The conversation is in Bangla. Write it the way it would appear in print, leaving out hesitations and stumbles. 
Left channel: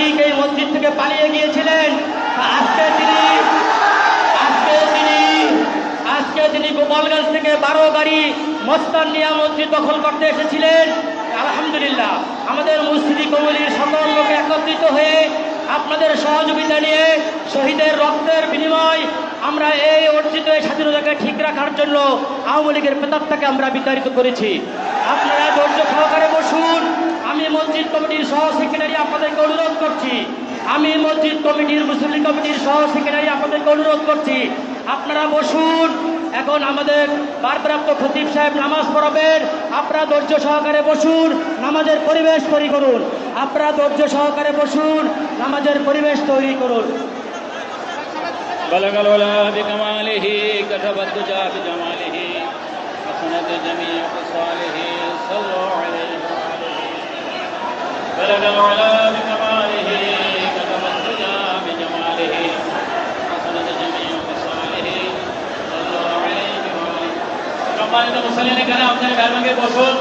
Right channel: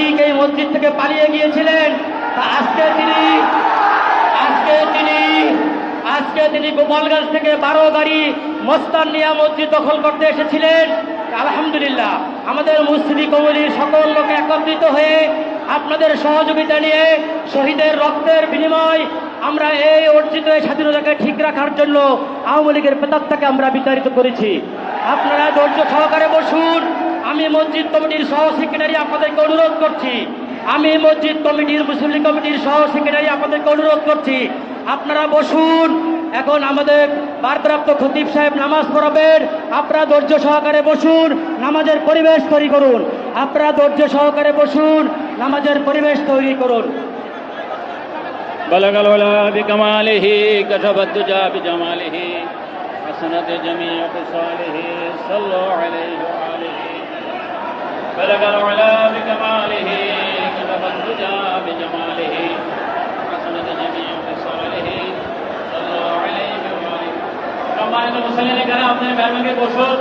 তারিখ এই মসজিদ থেকে পালিয়ে গিয়েছিলেন। আজকে তিনি গোপালগঞ্জ থেকে 12 গাড়ি মস্তান নিয়ে মসজিদ দখল করতে এসেছিলেন। আলহামদুলিল্লাহ, আমাদের মুসলিম কমিটির সকল লোক একত্রিত হয়ে আপনাদের সহযোগিতা নিয়ে শহীদের রক্তের বিনিময় আমরা এই অর্জিত স্বাধীনতাকে ঠিক রাখার জন্য আওয়ামী লীগের প্রতাপটাকে আমরা বিতাড়িত করেছি। আপনারা ধৈর্য সহকারে বসুন। আমি মসজিদ কমিটির সহ সেক্রেটারি আপনাদেরকে অনুরোধ করছি, আমি মসজিদ কমিটির মুসলিম কমিটির সহ সেক্রেটারি আপনাদেরকে অনুরোধ করছি, আপনারা বসুন। এখন আমাদের ভারপ্রাপ্ত খতিব সাহেব নামাজ পড়াবেন। আপনারা ধৈর্য সহকারে বসুন, নামাজের পরিবেশ তৈরি করুন। আপনারা ধৈর্য সহকারে বসুন, নামাজের পরিবেশ তৈরি করুন। بلغ العلا بكماله كتب الدجى بجماله حسنت جميع خصاله صلوا عليه وآله. بلغ العلا بكماله كتب الدجى بجماله حسنت جميع خصاله صلوا عليه وآله. সম্মানিত মুসল্লিরা, এখানে আপনারা মেহরবানি করে বসুন।